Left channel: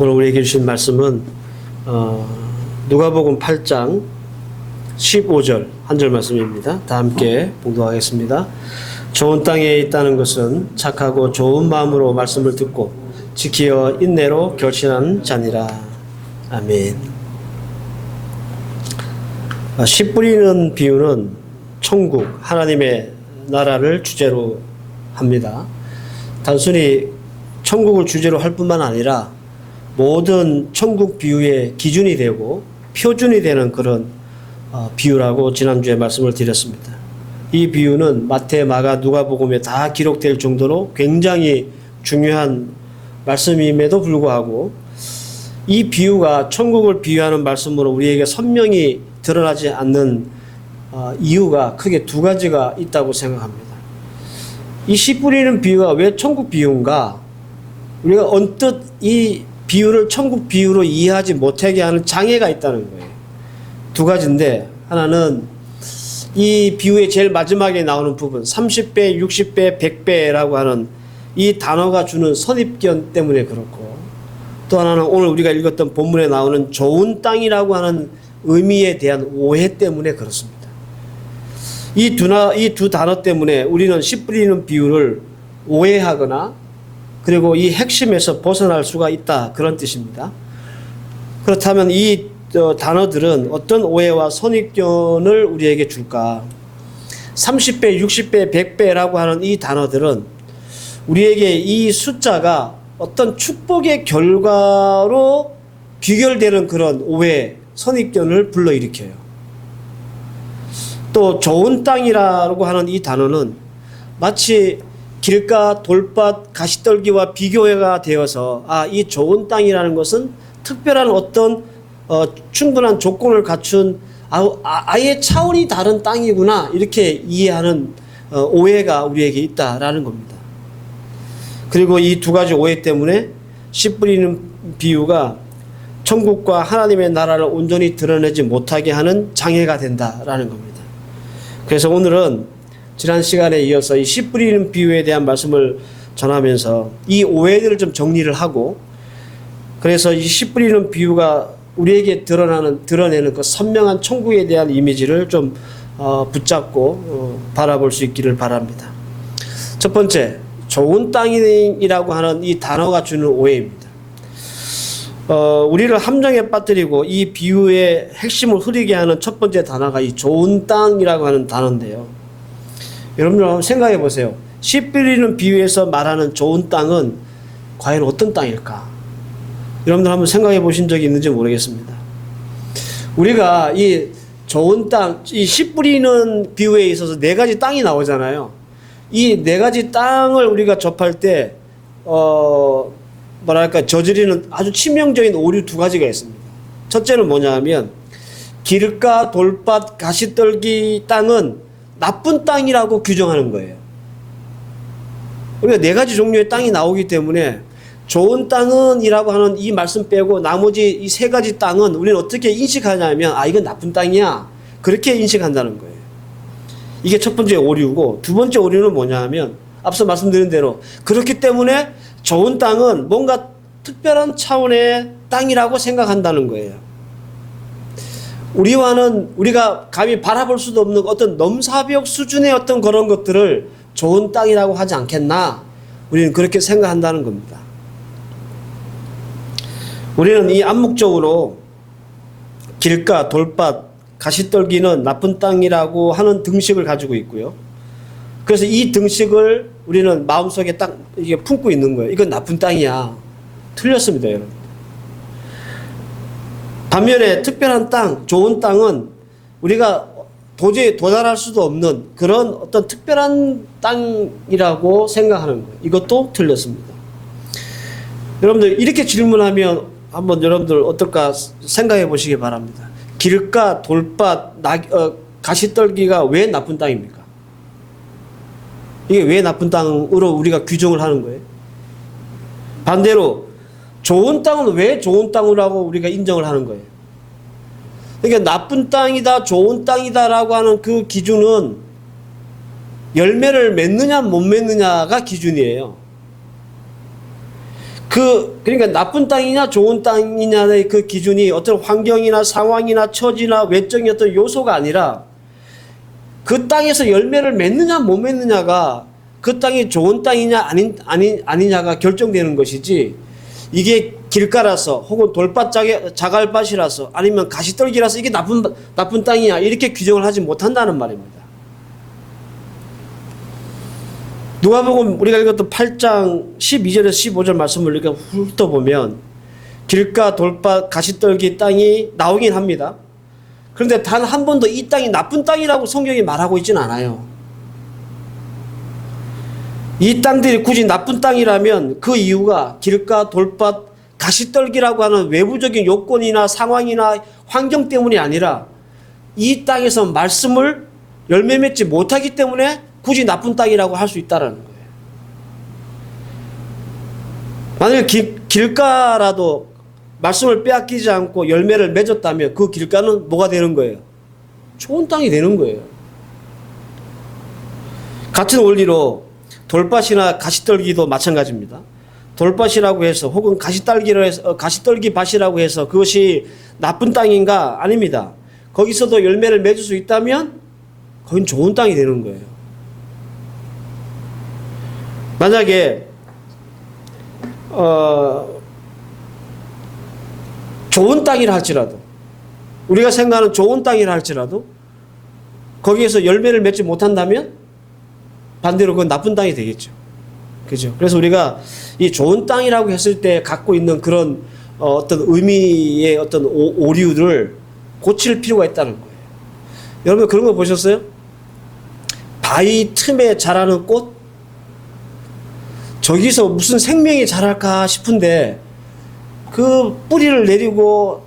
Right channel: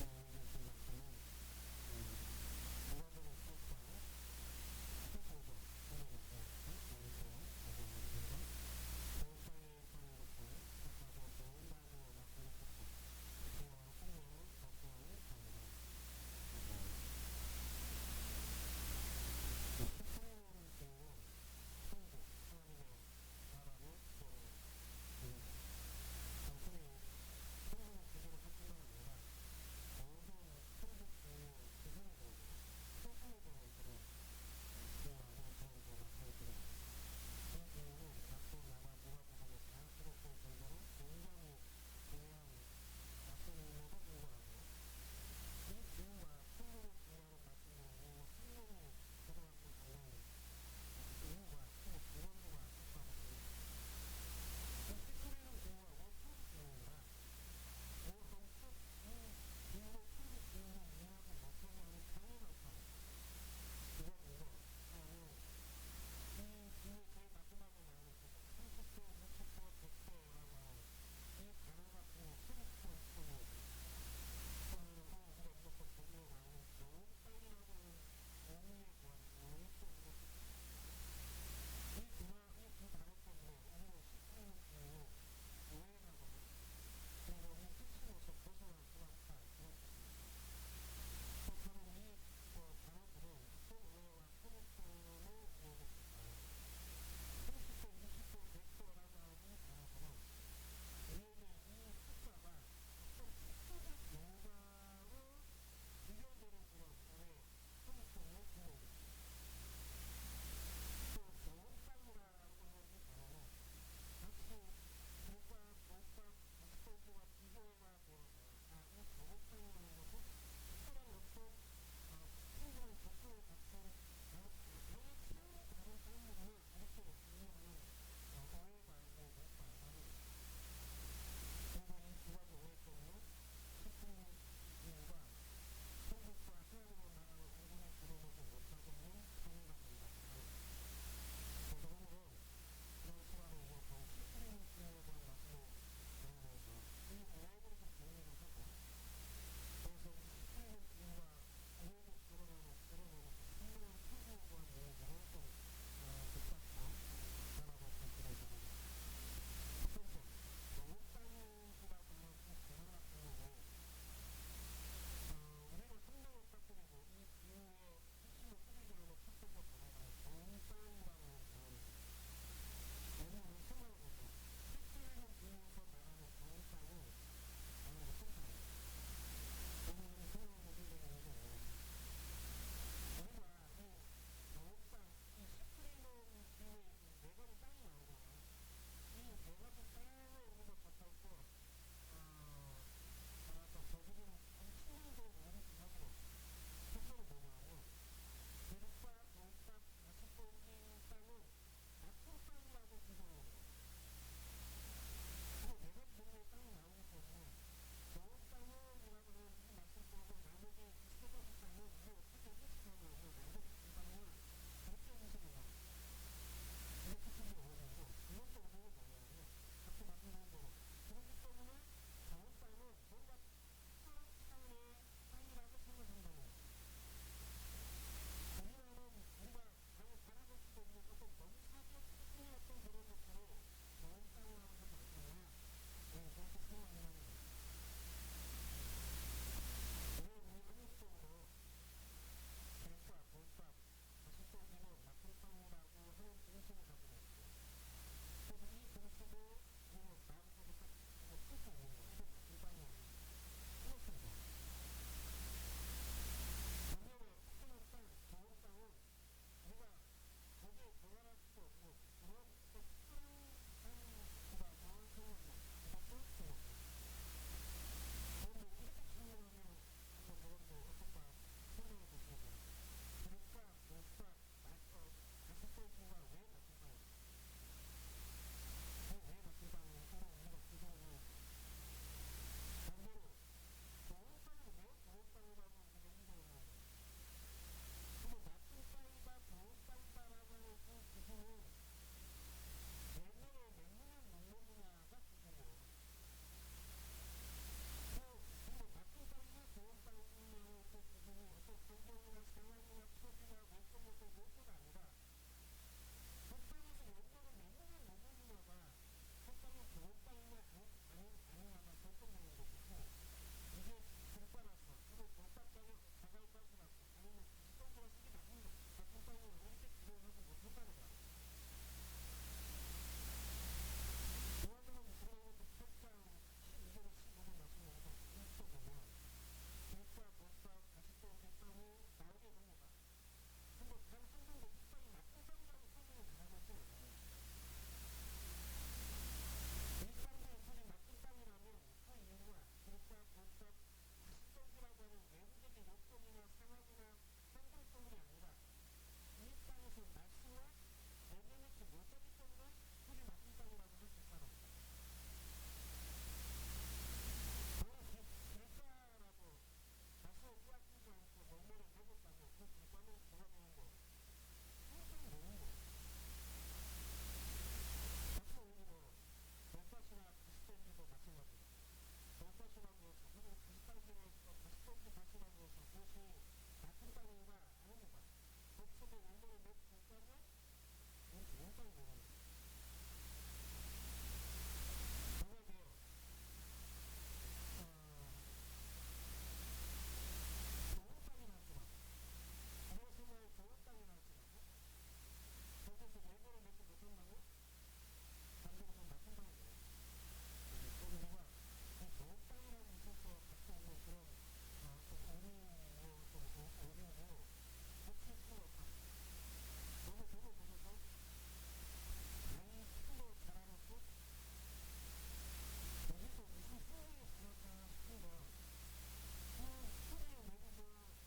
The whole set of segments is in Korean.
오늘 우리에게 주신 말씀은 누가복음 8장 15절 한 절 말씀입니다. 다 함께 봉독하겠습니다. 좋은 땅에 있다는 것은 착하고 좋은 마음으로 말씀을 듣고 지키어 인내로 결신하는 자니라. 아멘. 씨 뿌리는 비유는 천국, 하나님의 나라를 주제로 합니다. 단순히 천국을 주제로 할 뿐만 아니라 모든 천국 비유의 기준이 되고 표준이 되는 그런 비유라고 지난주에 말씀을 드렸습니다. 이 비유는 마태, 마가, 누가복음에 다 기록될 정도로 굉장히 중요한 말씀임에도 불구하고 이 비유가 천국을 비유하는 말씀으로 우리에게 선명히 드러나지 않는 이유가 크게 두 가지가 있다고 생각합니다. 이 씨 뿌리는 비유가 왜 천국 비유인가? 우리가 언뜻 이 비유를 천국 비유로 이해하지 못하게 하는 장애가 있다는 거예요. 두 가지인데, 하나는 이 비유의 제일 마지막에 나오는 부분 30배, 60배, 100배라고 하는 이 단어가 주는 선입견 때문에 그렇고, 또 하나는 오늘 우리가 읽었던 본문에 나오는 좋은 땅이라고 하는 의미에 대한 오해 때문에 그렇습니다. 이 두 단어 때문에 우리는 씨 뿌리는 비유를 오해하거나 그리고 이 핵심에서 벗어날 수가 있다, 그런 뜻입니다. 그렇다면 이 단어들은 어떤 오해와 선입견을 우리에게 줄까? 30배, 60배, 100배라고 하는 이 단어들은 우리에게 이 숫자가 어떤 축복의 결과로 귀결되는 그런 오해, 선입견을 불러일으켜요. 또 좋은 땅이라고 하는 이 단어는 마치 길가, 돌밭, 가시떨기와 비교가 되어서 이 좋은 땅이라는 것은 특별한 어떤 충분한 조건을 갖춘 아예 차원이 다른 땅이구나, 이렇게 이해하는 오해가 우리에게 있다라는 겁니다. 그리고 이 두 가지 오해 때문에 씨 뿌리는 비유가 천국과 하나님의 나라를 온전히 드러내지 못하게 하는 장애가 된다라는 겁니다. 그래서 오늘은 지난 시간에 이어서 이 씨 뿌리는 비유에 대한 말씀을 전하면서 이 오해들을 좀 정리를 하고, 그래서 이 씨 뿌리는 비유가 우리에게 드러내는 그 선명한 천국에 대한 이미지를 좀 붙잡고 바라볼 수 있기를 바랍니다. 첫 번째, 좋은 땅이라고 하는 이 단어가 주는 오해입니다. 우리를 함정에 빠뜨리고 이 비유의 핵심을 흐리게 하는 첫 번째 단어가 이 좋은 땅이라고 하는 단어인데요. 여러분들 한번 생각해 보세요. 씨 뿌리는 비유에서 말하는 좋은 땅은 과연 어떤 땅일까? 여러분들 한번 생각해 보신 적이 있는지 모르겠습니다. 우리가 이 좋은 땅, 이 씨 뿌리는 비유에 있어서 네 가지 땅이 나오잖아요. 이 네 가지 땅을 우리가 접할 때 저지르는 아주 치명적인 오류 두 가지가 있습니다. 첫째는 뭐냐 하면, 길가, 돌밭, 가시떨기 땅은 나쁜 땅이라고 규정하는 거예요. 우리가 네 가지 종류의 땅이 나오기 때문에 좋은 땅은 이라고 하는 이 말씀 빼고 나머지 이 세 가지 땅은 우리는 어떻게 인식하냐면 이건 나쁜 땅이야, 그렇게 인식한다는 거예요. 이게 첫 번째 오류고, 두 번째 오류는 뭐냐 하면 앞서 말씀드린 대로 그렇기 때문에 좋은 땅은 뭔가 특별한 차원의 땅이라고 생각한다는 거예요. 우리가 감히 바라볼 수도 없는 어떤 넘사벽 수준의 어떤 그런 것들을 좋은 땅이라고 하지 않겠나? 우리는 그렇게 생각한다는 겁니다. 우리는 이 암묵적으로 길가, 돌밭, 가시떨기는 나쁜 땅이라고 하는 등식을 가지고 있고요. 그래서 이 등식을 우리는 마음속에 딱 이게 품고 있는 거예요. 이건 나쁜 땅이야. 틀렸습니다, 여러분. 반면에 특별한 땅, 좋은 땅은 우리가 도저히 도달할 수도 없는 그런 어떤 특별한 땅이라고 생각하는 거예요. 이것도 틀렸습니다. 여러분들 이렇게 질문하면 한번 여러분들 어떨까 생각해 보시기 바랍니다. 길가, 돌밭, 가시떨기가 왜 나쁜 땅입니까? 이게 왜 나쁜 땅으로 우리가 규정을 하는 거예요? 반대로 좋은 땅은 왜 좋은 땅이라고 우리가 인정을 하는 거예요? 그러니까 나쁜 땅이다, 좋은 땅이다라고 하는 그 기준은 열매를 맺느냐 못 맺느냐가 기준이에요. 그러니까 나쁜 땅이냐 좋은 땅이냐의 그 기준이 어떤 환경이나 상황이나 처지나 외적인 어떤 요소가 아니라 그 땅에서 열매를 맺느냐 못 맺느냐가 그 땅이 좋은 땅이냐 아니냐가 결정되는 것이지, 이게 길가라서 혹은 돌밭 자갈밭이라서 아니면 가시떨기라서 이게 나쁜 땅이야 이렇게 규정을 하지 못한다는 말입니다. 누가복음 우리가 읽었던 8장 12절에서 15절 말씀을 이렇게 훑어보면 길가, 돌밭, 가시떨기 땅이 나오긴 합니다. 그런데 단 한 번도 이 땅이 나쁜 땅이라고 성경이 말하고 있지는 않아요. 이 땅들이 굳이 나쁜 땅이라면 그 이유가 길가, 돌밭, 가시떨기라고 하는 외부적인 요건이나 상황이나 환경 때문이 아니라 이 땅에서 말씀을 열매 맺지 못하기 때문에 굳이 나쁜 땅이라고 할 수 있다는 거예요. 만약 길가라도 말씀을 빼앗기지 않고 열매를 맺었다면 그 길가는 뭐가 되는 거예요? 좋은 땅이 되는 거예요. 같은 원리로 돌밭이나 가시떨기도 마찬가지입니다. 돌밭이라고 해서 혹은 가시떨기 밭이라고 해서 그것이 나쁜 땅인가? 아닙니다. 거기서도 열매를 맺을 수 있다면 거긴 좋은 땅이 되는 거예요. 만약에 좋은 땅이라 할지라도, 우리가 생각하는 좋은 땅이라 할지라도 거기에서 열매를 맺지 못한다면 반대로 그건 나쁜 땅이 되겠죠. 그죠? 그래서 우리가 이 좋은 땅이라고 했을 때 갖고 있는 그런 어떤 의미의 어떤 오류를 고칠 필요가 있다는 거예요. 여러분 그런 거 보셨어요? 바위 틈에 자라는 꽃? 저기서 무슨 생명이 자랄까 싶은데 그 뿌리를 내리고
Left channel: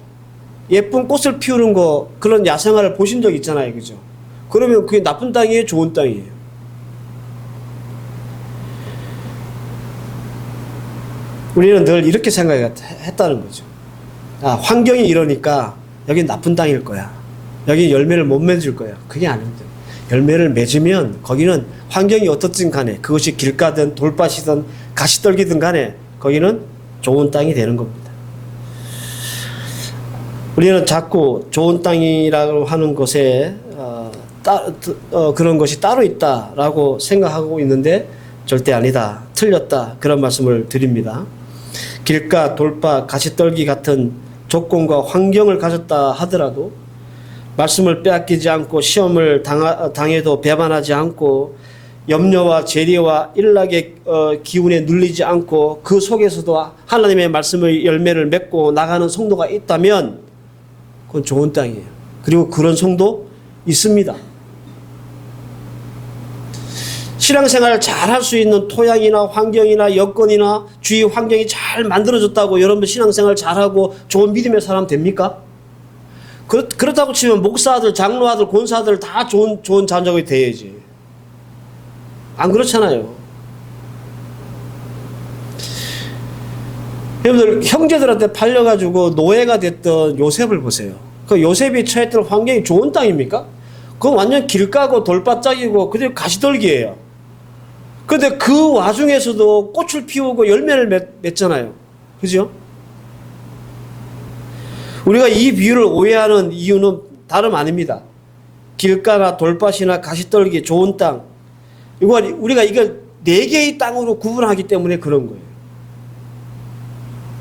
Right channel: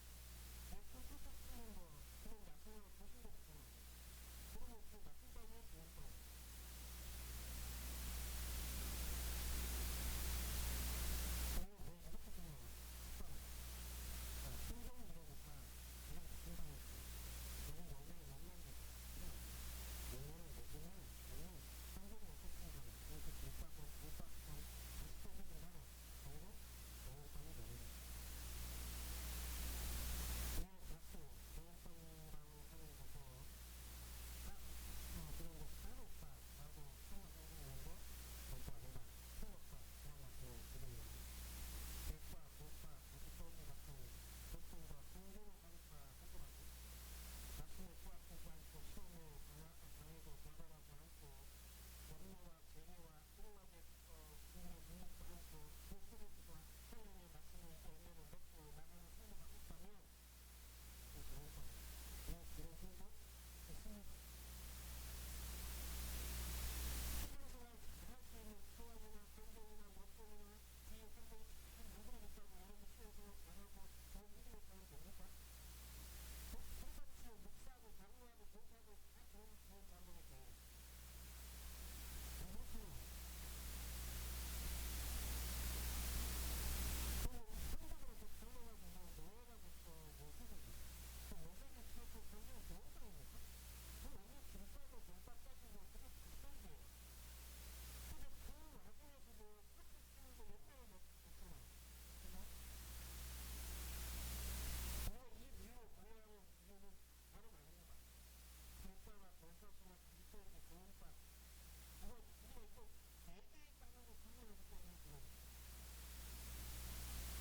예쁜 꽃을 피우는 거, 그런 야생화를 보신 적 있잖아요. 그죠? 그러면 그게 나쁜 땅이에요? 좋은 땅이에요? 우리는 늘 이렇게 생각했다는 거죠. 아, 환경이 이러니까 여긴 나쁜 땅일 거야. 여기 열매를 못 맺을 거야. 그게 아닙니다. 열매를 맺으면 거기는 환경이 어떻든 간에, 그것이 길가든 돌밭이든 가시떨기든 간에 거기는 좋은 땅이 되는 겁니다. 우리는 자꾸 좋은 땅이라고 하는 것에 그런 것이 따로 있다라고 생각하고 있는데 절대 아니다, 틀렸다, 그런 말씀을 드립니다. 길가, 돌밭, 가시떨기 같은 조건과 환경을 가졌다 하더라도 말씀을 빼앗기지 않고 시험을 당해도 배반하지 않고 염려와 재리와 일락의 기운에 눌리지 않고 그 속에서도 하나님의 말씀의 열매를 맺고 나가는 성도가 있다면 그건 좋은 땅이에요. 그리고 그런 성도 있습니다. 신앙생활을 잘 할 수 있는 토양이나 환경이나 여건이나 주위 환경이 잘 만들어졌다고 여러분 신앙생활 잘하고 좋은 믿음의 사람 됩니까? 그렇다고 치면 목사들, 장로아들, 권사들 다 좋은 자녀가 돼야지. 안 그렇잖아요. 여러분들 형제들한테 팔려가지고 노예가 됐던 요셉을 보세요. 그 요셉이 처했던 환경이 좋은 땅입니까? 그건 완전 길가고 돌바짝이고 그대로 가시떨기예요. 그런데 그 와중에서도 꽃을 피우고 열매를 맺잖아요. 그죠? 우리가 이 비유를 오해하는 이유는 다름 아닙니다. 길가나 돌밭이나 가시떨기, 좋은 땅, 우리가 이걸 네 개의 땅으로 구분하기 때문에 그런 거예요.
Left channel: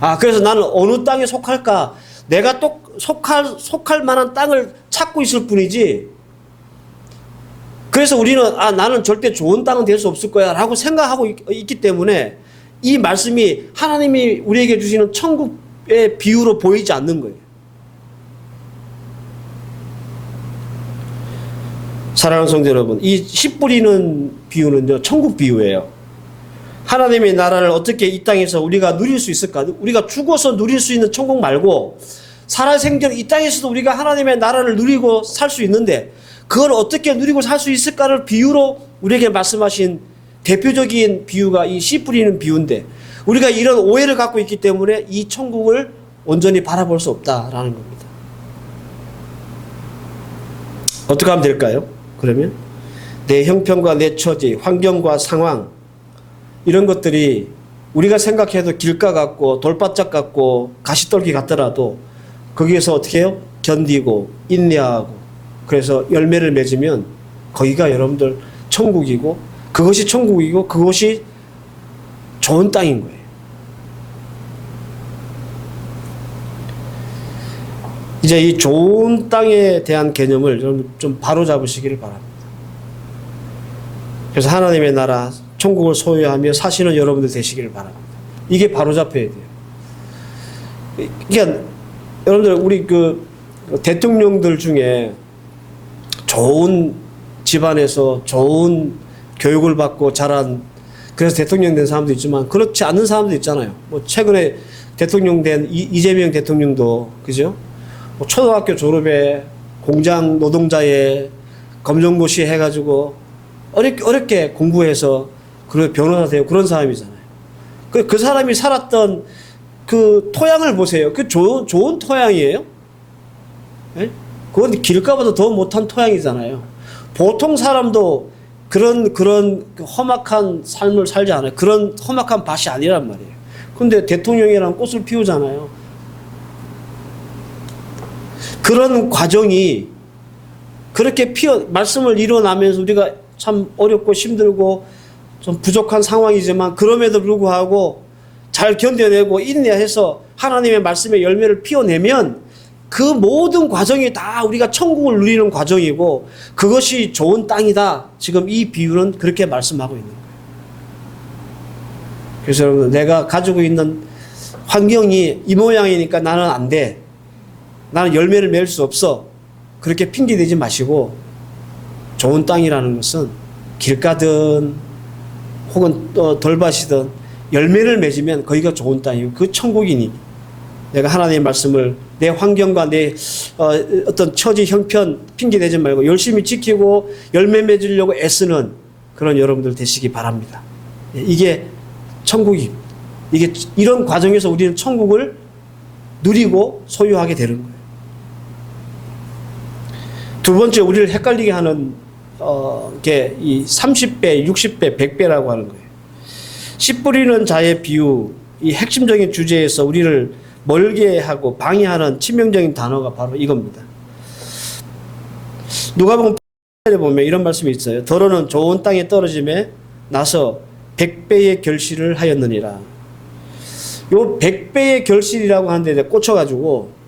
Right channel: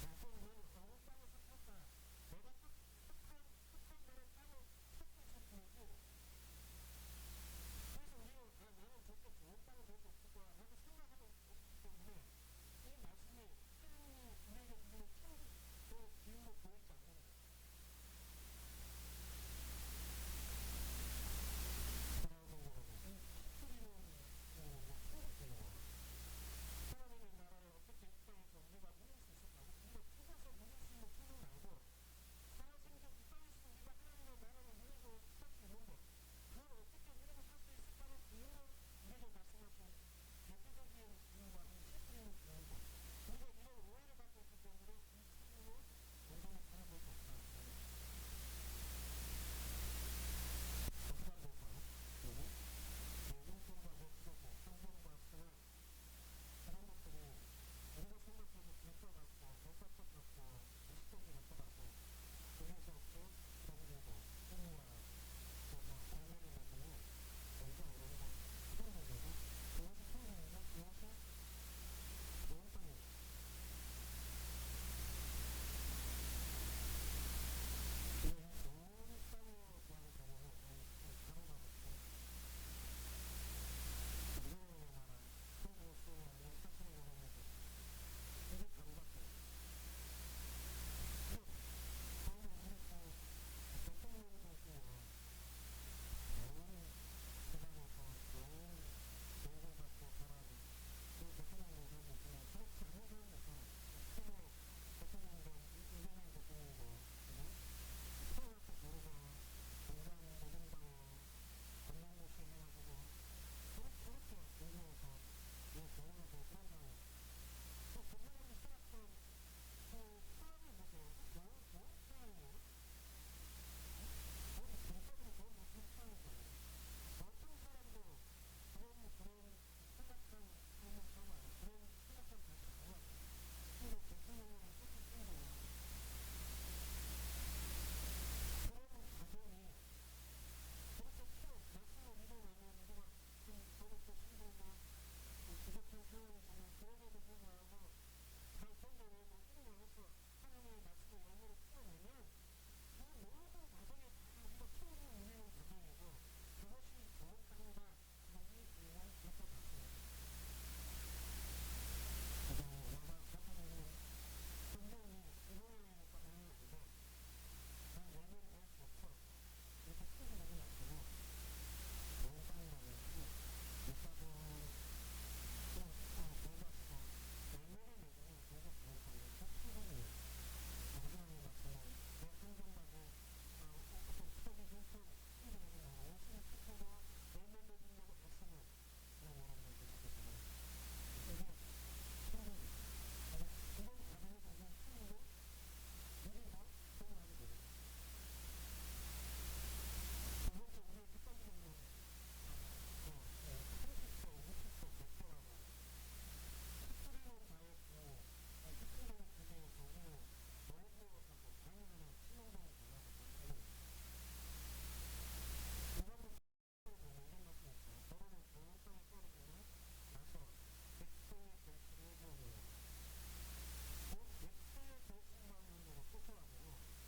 아, 그래서 나는 어느 땅에 속할까? 내가 또 속할 만한 땅을 찾고 있을 뿐이지. 그래서 우리는 나는 절대 좋은 땅은 될 수 없을 거야 라고 생각하고 있기 때문에 이 말씀이 하나님이 우리에게 주시는 천국의 비유로 보이지 않는 거예요. 사랑하는 성도 여러분, 이 씨 뿌리는 비유는요, 천국 비유예요. 하나님의 나라를 어떻게 이 땅에서 우리가 누릴 수 있을까? 우리가 죽어서 누릴 수 있는 천국 말고 살아생전 이 땅에서도 우리가 하나님의 나라를 누리고 살 수 있는데 그걸 어떻게 누리고 살 수 있을까를 비유로 우리에게 말씀하신 대표적인 비유가 이 씨 뿌리는 비유인데 우리가 이런 오해를 갖고 있기 때문에 이 천국을 온전히 바라볼 수 없다라는 겁니다. 어떻게 하면 될까요? 그러면 내 형편과 내 처지, 환경과 상황 이런 것들이 우리가 생각해도 길가 같고 돌바짝 같고 가시떨기 같더라도 거기에서 어떻게 해요? 견디고 인내하고 그래서 열매를 맺으면 거기가 여러분들 천국이고 그것이 천국이고 그것이 좋은 땅인 거예요. 이제 이 좋은 땅에 대한 개념을 여러분 좀 바로 잡으시기를 바랍니다. 그래서 하나님의 나라 천국을 소유하며 사시는 여러분들 되시기를 바랍니다. 이게 바로 잡혀야 돼요. 그러니까 여러분들 우리 그 대통령들 중에 좋은 집안에서 좋은 교육을 받고 자란 그래서 대통령 된 사람도 있지만 그렇지 않은 사람도 있잖아요. 뭐 최근에 대통령 된 이재명 대통령도 그죠? 뭐 초등학교 졸업에 공장 노동자에 검정고시 해가지고 어렵게 공부해서 그런 변호사 되고 그런 사람이잖아요. 그 사람이 살았던 그 토양을 보세요. 그 좋은 토양이에요. 네? 그건 길가보다 더 못한 토양이잖아요. 보통 사람도 그런 험악한 삶을 살지 않아요. 그런 험악한 밭이 아니란 말이에요. 근데 대통령이랑 꽃을 피우잖아요. 그런 과정이 그렇게 말씀을 이뤄나면서 우리가 참 어렵고 힘들고 좀 부족한 상황이지만 그럼에도 불구하고 잘 견뎌내고 인내해서 하나님의 말씀의 열매를 피워내면 그 모든 과정이 다 우리가 천국을 누리는 과정이고 그것이 좋은 땅이다. 지금 이 비유는 그렇게 말씀하고 있는 거예요. 그래서 여러분 내가 가지고 있는 환경이 이 모양이니까 나는 안 돼. 나는 열매를 맺을 수 없어. 그렇게 핑계대지 마시고 좋은 땅이라는 것은 길가든 혹은 돌밭이든 열매를 맺으면 거기가 좋은 땅이고 그 천국이니 내가 하나님의 말씀을 내 환경과 내 어떤 처지 형편 핑계대지 말고 열심히 지키고 열매 맺으려고 애쓰는 그런 여러분들 되시기 바랍니다. 이게 천국입니다. 이게 이런 과정에서 우리는 천국을 누리고 소유하게 되는 거예요. 두 번째 우리를 헷갈리게 하는 게 이 30배, 60배, 100배라고 하는 거예요. 씨 뿌리는 자의 비유, 이 핵심적인 주제에서 우리를 멀게 하고 방해하는 치명적인 단어가 바로 이겁니다. 누가복음 8절에 보면 이런 말씀이 있어요. 더러는 좋은 땅에 떨어짐에 나서 100배의 결실을 하였느니라. 요 100배의 결실이라고 하는데 꽂혀가지고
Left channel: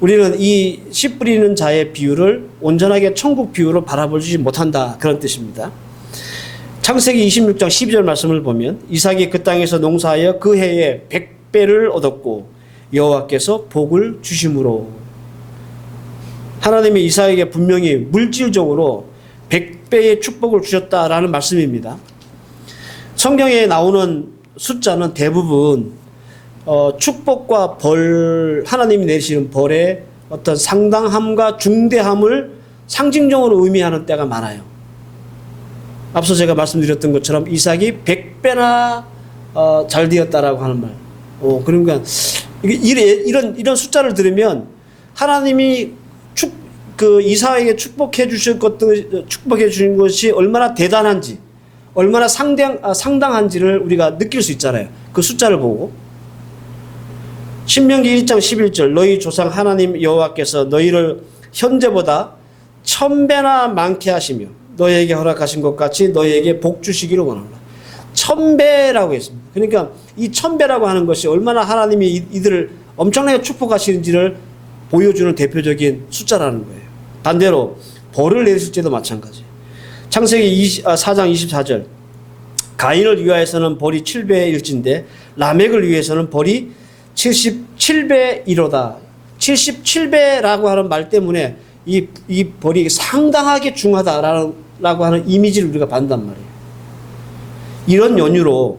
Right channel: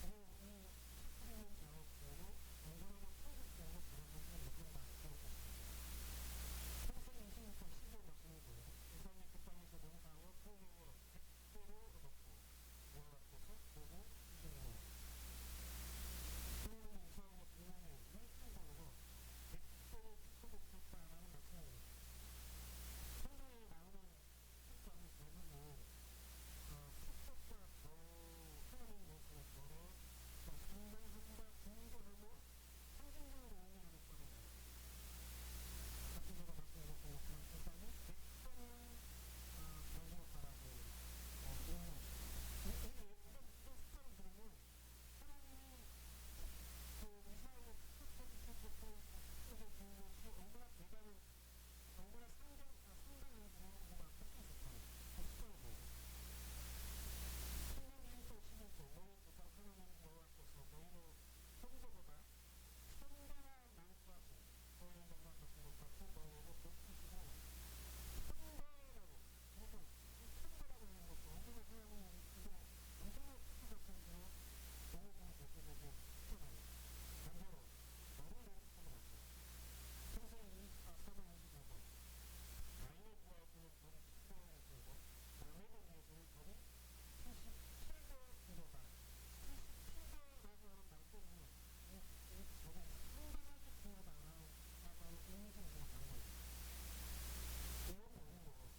우리는 이 씨 뿌리는 자의 비유를 온전하게 천국 비유로 바라보지 못한다. 그런 뜻입니다. 창세기 26장 12절 말씀을 보면 이삭이 그 땅에서 농사하여 그 해에 100배를 얻었고 여호와께서 복을 주심으로 하나님이 이삭에게 분명히 물질적으로 100배의 축복을 주셨다라는 말씀입니다. 성경에 나오는 숫자는 대부분 축복과 벌, 하나님이 내리시는 벌의 어떤 상당함과 중대함을 상징적으로 의미하는 때가 많아요. 앞서 제가 말씀드렸던 것처럼 이삭이 100배나 잘 되었다라고 하는 말. 그러니까 이런 숫자를 들으면 하나님이 이삭에게 축복해 주신 것이 얼마나 대단한지, 얼마나 상당한지를 우리가 느낄 수 있잖아요. 그 숫자를 보고. 신명기 1장 11절 너희 조상 하나님 여호와께서 너희를 현재보다 1000배나 많게 하시며 너희에게 허락하신 것 같이 너희에게 복 주시기를 원합니다. 1000배라고 했습니다. 그러니까 이 1000배라고 하는 것이 얼마나 하나님이 이들을 엄청나게 축복하시는지를 보여주는 대표적인 숫자라는 거예요. 반대로 벌을 내리실 때도 마찬가지. 창세기 4장 24절 가인을 위하여서는 벌이 7배일진데 라멕을 위해서는 벌이 77배이로다. 77배라고 하는 말 때문에 이 벌이 상당하게 중하다라고 하는 이미지를 우리가 받는단 말이에요. 이런 연유로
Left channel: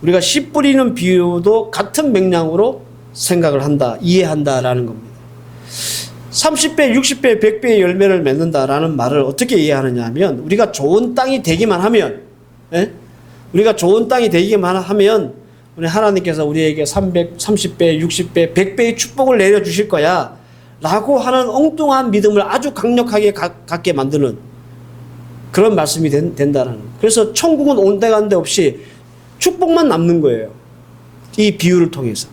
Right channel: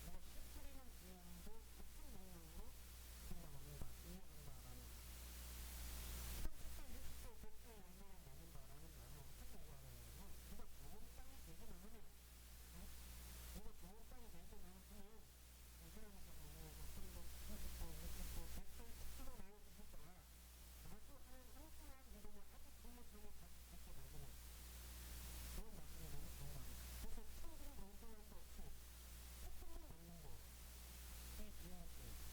우리가 씨 뿌리는 비유도 같은 맥락으로 생각을 한다, 이해한다라는 겁니다. 30배, 60배, 100배의 열매를 맺는다라는 말을 어떻게 이해하느냐 하면 우리가 좋은 땅이 되기만 하면 우리가 좋은 땅이 되기만 하면 우리 하나님께서 우리에게 330배, 60배, 100배의 축복을 내려주실 거야 라고 하는 엉뚱한 믿음을 아주 강력하게 갖게 만드는 그런 말씀이 된다는 거예요. 그래서 천국은 온데간데 없이 축복만 남는 거예요. 이 비유를 통해서.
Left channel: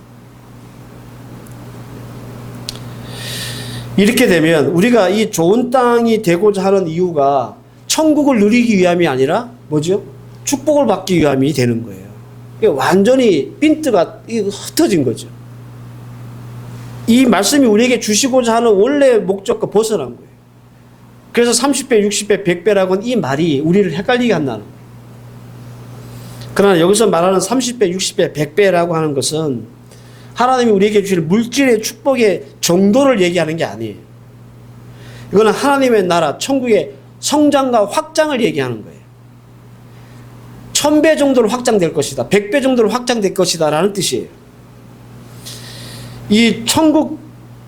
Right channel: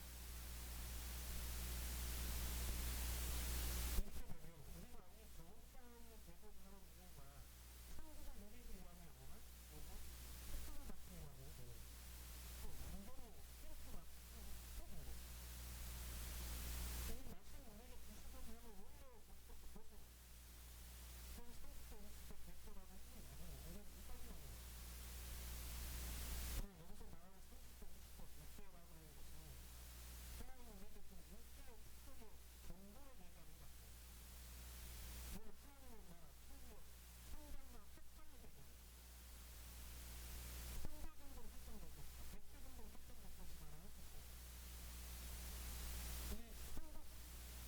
이렇게 되면 우리가 이 좋은 땅이 되고자 하는 이유가 천국을 누리기 위함이 아니라 뭐죠? 축복을 받기 위함이 되는 거예요. 이게 완전히 핀트가 흩어진 거죠. 이 말씀이 우리에게 주시고자 하는 원래 목적과 벗어난 거예요. 그래서 30배, 60배, 100배라고는 이 말이 우리를 헷갈리게 한다는 거예요. 그러나 여기서 말하는 30배, 60배, 100배라고 하는 것은 하나님이 우리에게 주실 물질의 축복의 정도를 얘기하는 게 아니에요. 이거는 하나님의 나라, 천국의 성장과 확장을 얘기하는 거예요. 1000배 정도로 확장될 것이다. 100배 정도로 확장될 것이다. 라는 뜻이에요. 이 천국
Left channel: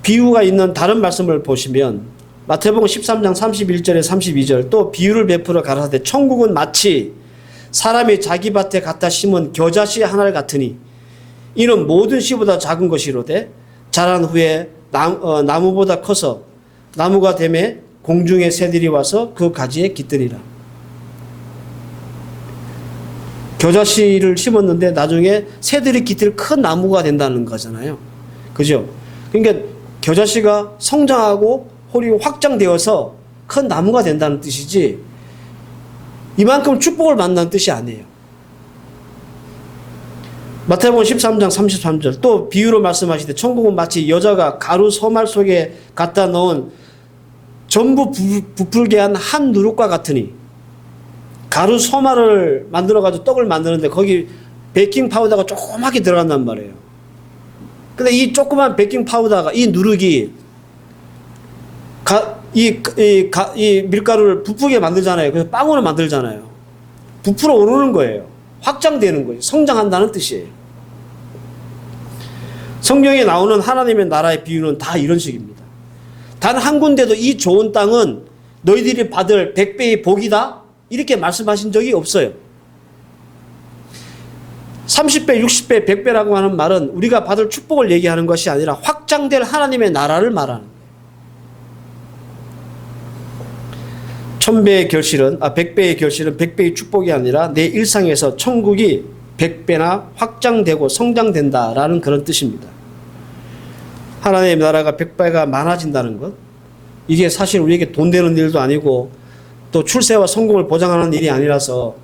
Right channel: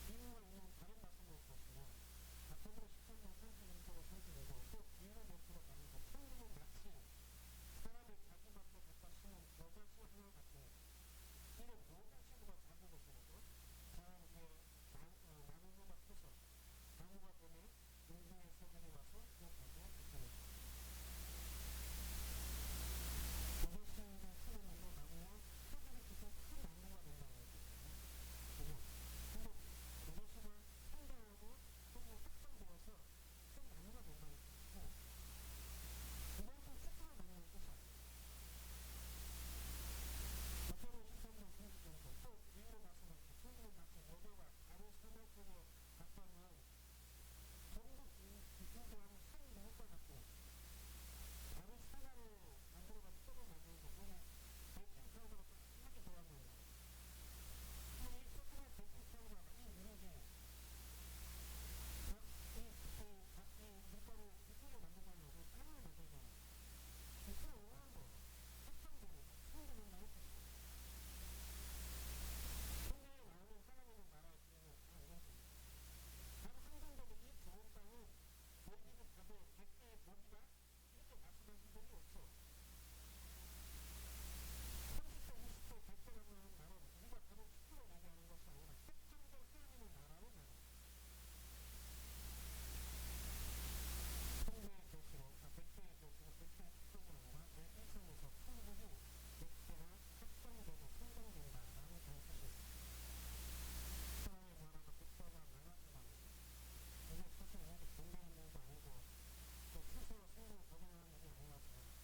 비유가 있는 다른 말씀을 보시면 마태복음 13장 31절에 32절 또 비유를 베풀어 가라사대 천국은 마치 사람이 자기 밭에 갖다 심은 겨자씨 하나를 같으니 이는 모든 씨보다 작은 것이로되 자란 후에 나무보다 커서 나무가 되매 공중의 새들이 와서 그 가지에 깃드니라. 겨자씨를 심었는데 나중에 새들이 깃들 큰 나무가 된다는 거잖아요. 그죠? 그러니까 겨자씨가 성장하고 홀이 확장되어서 큰 나무가 된다는 뜻이지 이만큼 축복을 만나는 뜻이 아니에요. 마태복음 13장 33절 또 비유로 말씀하시되 천국은 마치 여자가 가루 소말 속에 갖다 넣은 전부 부풀게 한 누룩과 같으니 가루 소말을 만들어가지고 떡을 만드는데 거기 베이킹 파우더가 조그맣게 들어간단 말이에요. 근데 이 조그만 베이킹 파우더가 이 누룩이 이 밀가루를 부풀게 만들잖아요. 그래서 빵으로 만들잖아요. 부풀어 오르는 거예요. 확장되는 거예요. 성장한다는 뜻이에요. 성경에 나오는 하나님의 나라의 비유는 다 이런 식입니다. 단 한 군데도 이 좋은 땅은 너희들이 받을 100배의 복이다 이렇게 말씀하신 적이 없어요. 30배, 60배, 100배라고 하는 말은 우리가 받을 축복을 얘기하는 것이 아니라 확장될 하나님의 나라를 말하는 거예요. 1000배의 결실은 100배의 결실은 100배의 축복이 아니라 내 일상에서 천국이 100배나 확장되고 성장된다라는 그런 뜻입니다. 하나님의 나라가 100배가 많아진다는 것, 이게 사실 우리에게 돈 되는 일도 아니고 또 출세와 성공을 보장하는 일이 아니라서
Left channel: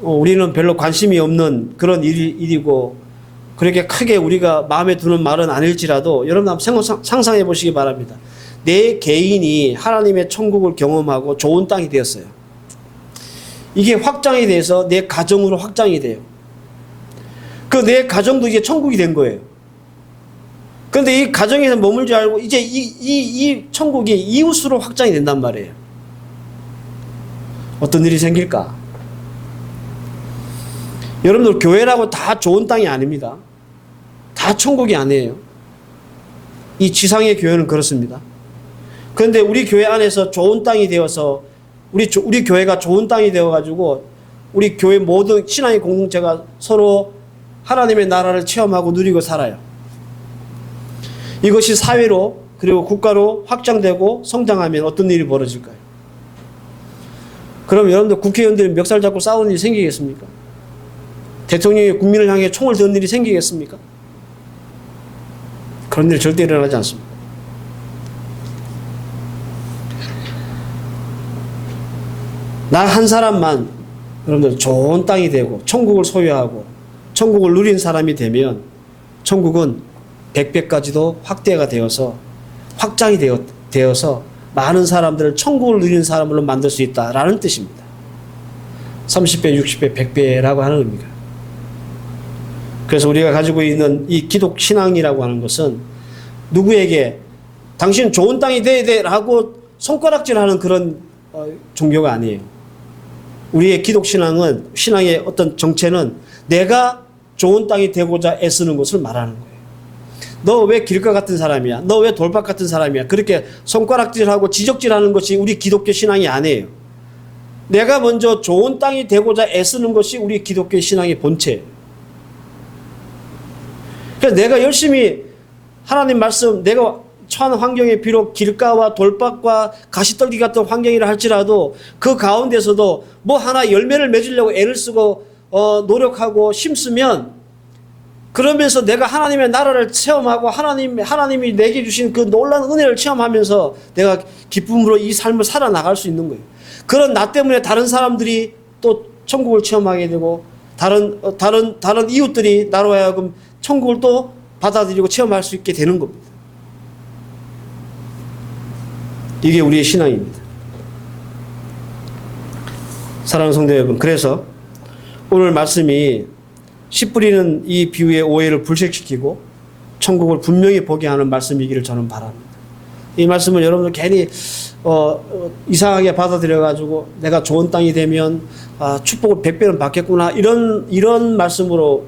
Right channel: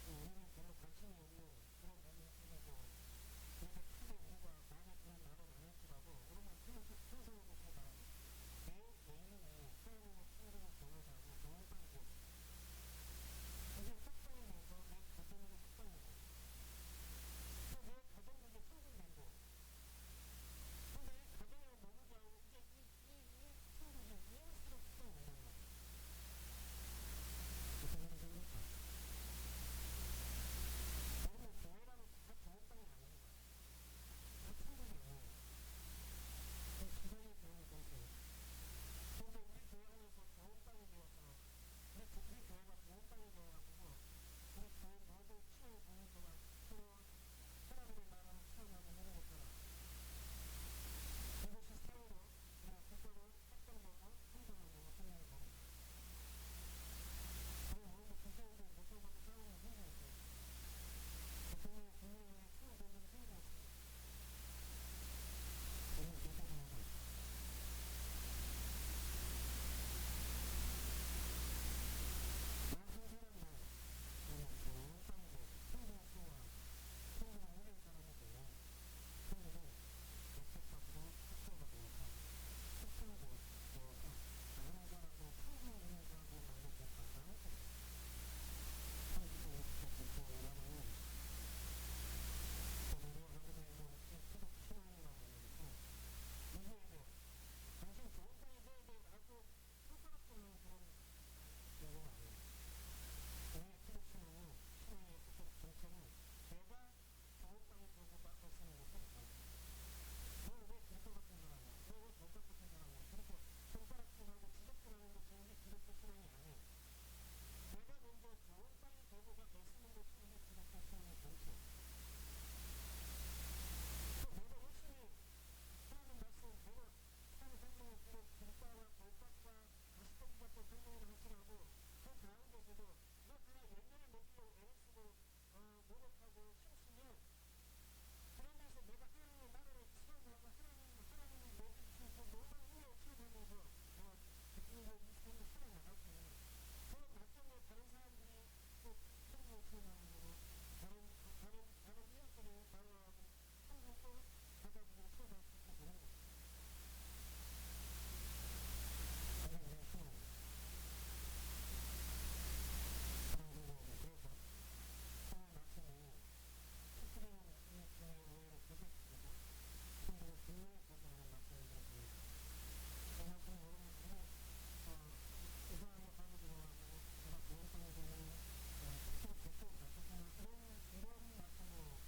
우리는 별로 관심이 없는 그런 일이고 그렇게 크게 우리가 마음에 드는 말은 아닐지라도 여러분 한번 상상해 보시기 바랍니다. 내 개인이 하나님의 천국을 경험하고 좋은 땅이 되었어요. 이게 확장이 돼서 내 가정으로 확장이 돼요. 그 내 가정도 이제 천국이 된 거예요. 그런데 이 가정에서 머물지 않고 이제 이 천국이 이웃으로 확장이 된단 말이에요. 어떤 일이 생길까? 여러분들 교회라고 다 좋은 땅이 아닙니다. 다 천국이 아니에요. 이 지상의 교회는 그렇습니다. 그런데 우리 교회 안에서 좋은 땅이 되어서 우리 교회가 좋은 땅이 되어가지고 우리 교회 모든 신앙의 공동체가 서로 하나님의 나라를 체험하고 누리고 살아요. 이것이 사회로 그리고 국가로 확장되고 성장하면 어떤 일이 벌어질까요? 그럼 여러분들 국회의원들이 멱살 잡고 싸우는 일이 생기겠습니까? 대통령이 국민을 향해 총을 드는 일이 생기겠습니까? 그런 일이 절대 일어나지 않습니다. 나 한 사람만 여러분들 좋은 땅이 되고 천국을 소유하고 천국을 누린 사람이 되면 천국은 100배까지도 확대가 되어서 확장이 되어서 많은 사람들을 천국을 누리는 사람으로 만들 수 있다라는 뜻입니다. 30배, 60배, 100배라고 하는 의미가. 그래서 우리가 가지고 있는 이 기독 신앙이라고 하는 것은 누구에게 당신 좋은 땅이 돼야 돼 라고 손가락질하는 그런 종교가 아니에요. 우리의 기독 신앙은 신앙의 어떤 정체는 내가 좋은 땅이 되고자 애쓰는 것을 말하는 거예요. 너 왜 길가 같은 사람이야? 너 왜 돌박 같은 사람이야? 그렇게 손가락질하고 지적질하는 것이 우리 기독교 신앙이 아니에요. 내가 먼저 좋은 땅이 되고자 애쓰는 것이 우리 기독교 신앙의 본체예요. 그래서 내가 열심히 하나님 말씀, 내가 처한 환경에 비록 길가와 돌박과 가시떨기 같은 환경이라 할지라도 그 가운데서도 뭐 하나 열매를 맺으려고 애를 쓰고 노력하고 심으면 그러면서 내가 하나님의 나라를 체험하고 하나님이 내게 주신 그 놀라운 은혜를 체험하면서 내가 기쁨으로 이 삶을 살아나갈 수 있는 거예요. 그런 나 때문에 다른 사람들이 또 천국을 체험하게 되고 다른 이웃들이 나로 하여금 천국을 또 받아들이고 체험할 수 있게 되는 겁니다. 이게 우리의 신앙입니다. 사랑하는 성도 여러분, 그래서 오늘 말씀이 씨 뿌리는 이 비유의 오해를 불식시키고 천국을 분명히 보게 하는 말씀이기를 저는 바랍니다. 이 말씀을 여러분들 괜히 이상하게 받아들여가지고 내가 좋은 땅이 되면 축복을 100배는 받겠구나 이런 말씀으로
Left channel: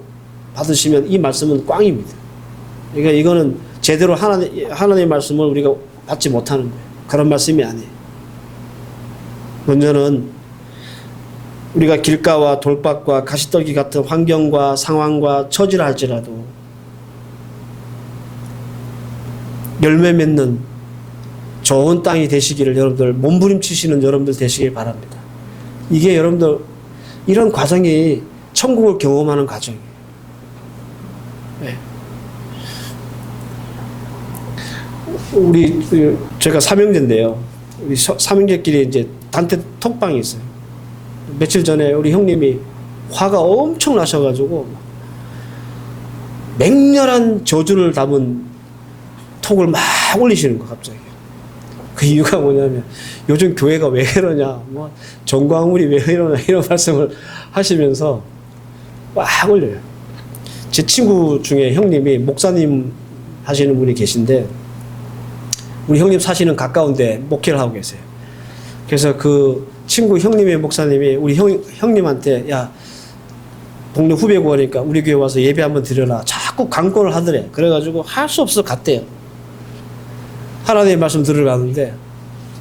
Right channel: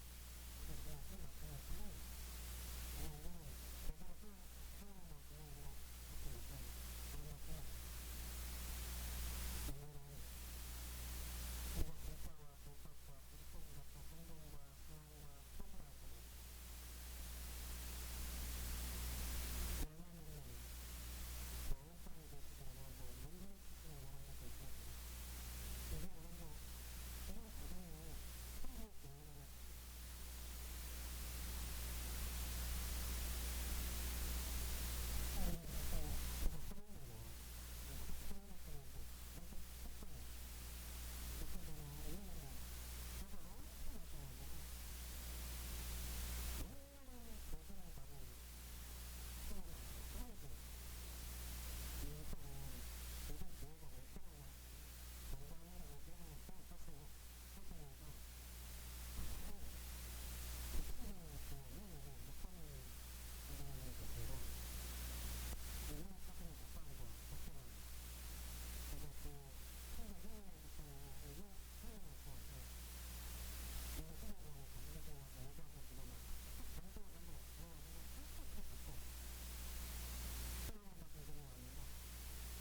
받으시면 이 말씀은 꽝입니다. 그러니까 이거는 제대로 하나님의 말씀을 우리가 받지 못하는 거예요. 그런 말씀이 아니에요. 먼저는 우리가 길가와 돌밭과 가시떨기 같은 환경과 상황과 처지를 할지라도 열매 맺는 좋은 땅이 되시기를 여러분들 몸부림치시는 여러분들 되시길 바랍니다. 이게 여러분들 이런 과정이 천국을 경험하는 과정이에요. 네. 제가 삼형제인데요. 우리 삼형제끼리 이제 단체 톡방이 있어요. 며칠 전에 우리 형님이 화가 엄청 나셔가지고 맹렬한 저주를 담은 톡을 막 올리시는 거 갑자기. 그 이유가 뭐냐면 요즘 교회가 왜 이러냐, 뭐 정광훈이 왜 이러냐 이런 말씀을 하시면서 막 올려요. 제 친구 중에 형님이 목사님 하시는 분이 계신데 우리 형님 사시는 가까운데 목회를 하고 계세요. 그래서 그 친구 형님의 목사님이 우리 형님한테 야 동네 후배고 하니까 우리 교회 와서 예배 한번 드려라 자꾸 강권을 하더래. 그래가지고 할 수 없어 갔대요. 하나님의 말씀 들으러 가는데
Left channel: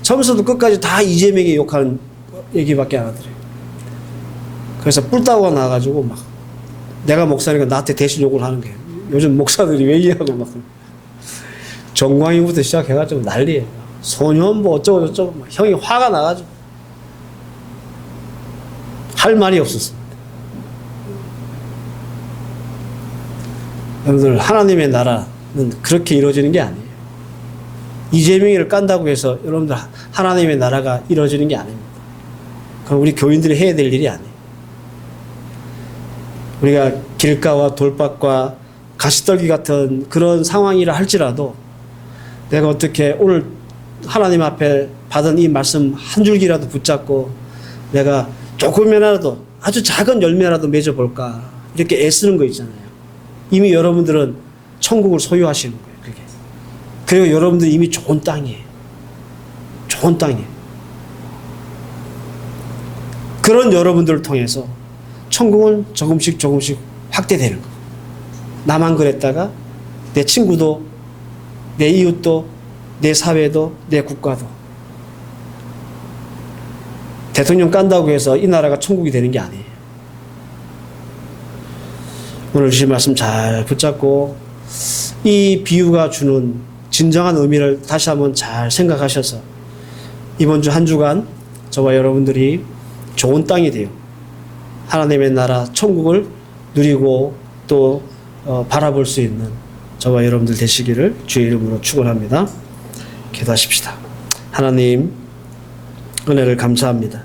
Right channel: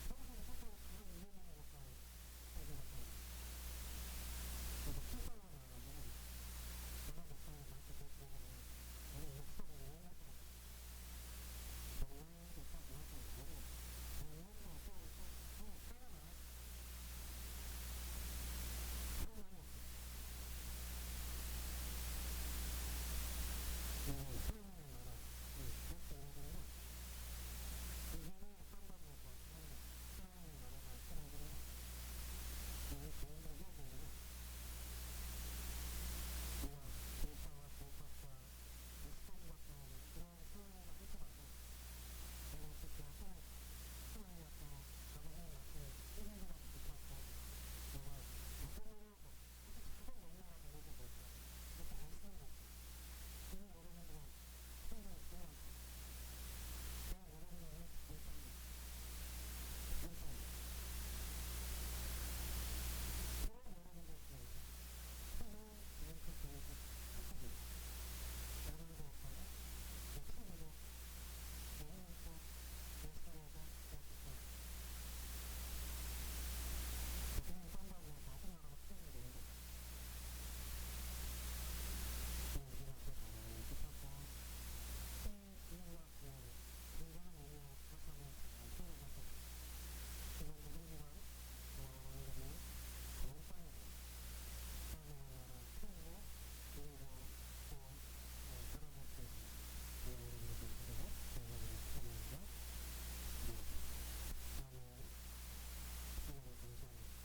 처음부터 끝까지 다 이재명이 욕하는 얘기밖에 안 하더래. 그래서 뿔따구가 나와가지고 막 내가 목사니까 나한테 대신 욕을 하는 거예요. 요즘 목사들이 왜 이러고 막 정광이부터 시작해가지고 난리예요. 소년 뭐 어쩌고 저쩌고 막 형이 화가 나가지고 할 말이 없었습니다. 여러분들 하나님의 나라는 그렇게 이루어지는 게 아니에요. 이재명이를 깐다고 해서 여러분들 하나님의 나라가 이루어지는 게 아닙니다. 그럼 우리 교인들이 해야 될 일이 아니에요. 우리가 길가와 돌밭과 가시떨기 같은 그런 상황이라 할지라도 내가 어떻게 오늘 하나님 앞에 받은 이 말씀 한 줄기라도 붙잡고 내가 조금이라도 아주 작은 열매라도 맺어볼까 이렇게 애쓰는 거 있잖아요. 이미 여러분들은 천국을 소유하시는 거예요. 그게. 그리고 여러분들 이미 좋은 땅이에요. 좋은 땅이에요. 그런 여러분들을 통해서 천국은 조금씩 확대되는 거예요. 나만 그랬다가 내 친구도 내 이웃도 내 사회도 내 국가도 대통령 깐다고 해서 이 나라가 천국이 되는 게 아니에요. 오늘 주신 말씀 잘 붙잡고 이 비유가 주는 진정한 의미를 다시 한번 잘 생각하셔서 이번 주 한 주간 저와 여러분들이 좋은 땅이 되어 하나님의 나라 천국을 누리고 또 바라볼 수 있는 저와 여러분들 되시기를 주의 이름으로 축원합니다. 기도하십시다. 하나님 은혜를 감사합니다.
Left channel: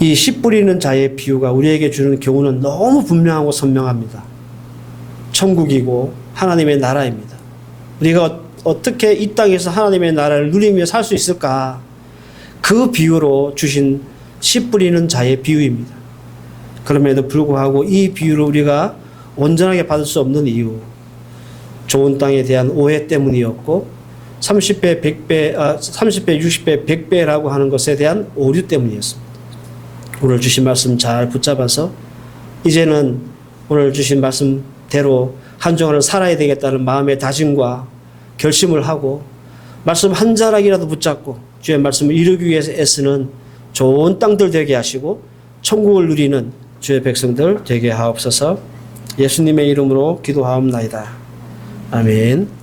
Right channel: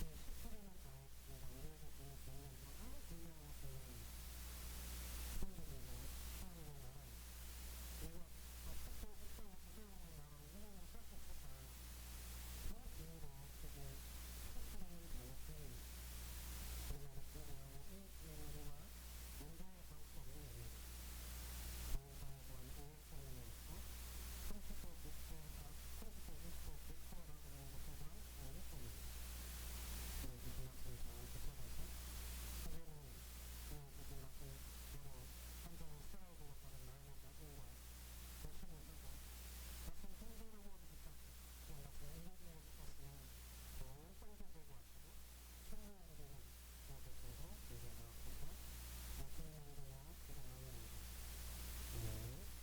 이 씨 뿌리는 자의 비유가 우리에게 주는 교훈은 너무 분명하고 선명합니다. 천국이고 하나님의 나라입니다. 우리가 어떻게 이 땅에서 하나님의 나라를 누리며 살 수 있을까? 그 비유로 주신 씨 뿌리는 자의 비유입니다. 그럼에도 불구하고 이 비유를 우리가 온전하게 받을 수 없는 이유, 좋은 땅에 대한 오해 때문이었고 30배, 100배, 30배, 60배, 100배라고 하는 것에 대한 오류 때문이었습니다. 오늘 주신 말씀 잘 붙잡아서 이제는 오늘 주신 말씀대로 한 주간을 살아야 되겠다는 마음의 다짐과 결심을 하고 말씀 한 자락이라도 붙잡고 주의 말씀을 이루기 위해서 애쓰는 좋은 땅들 되게 하시고 천국을 누리는 주의 백성들 되게 하옵소서. 예수님의 이름으로 기도하옵나이다. 아멘.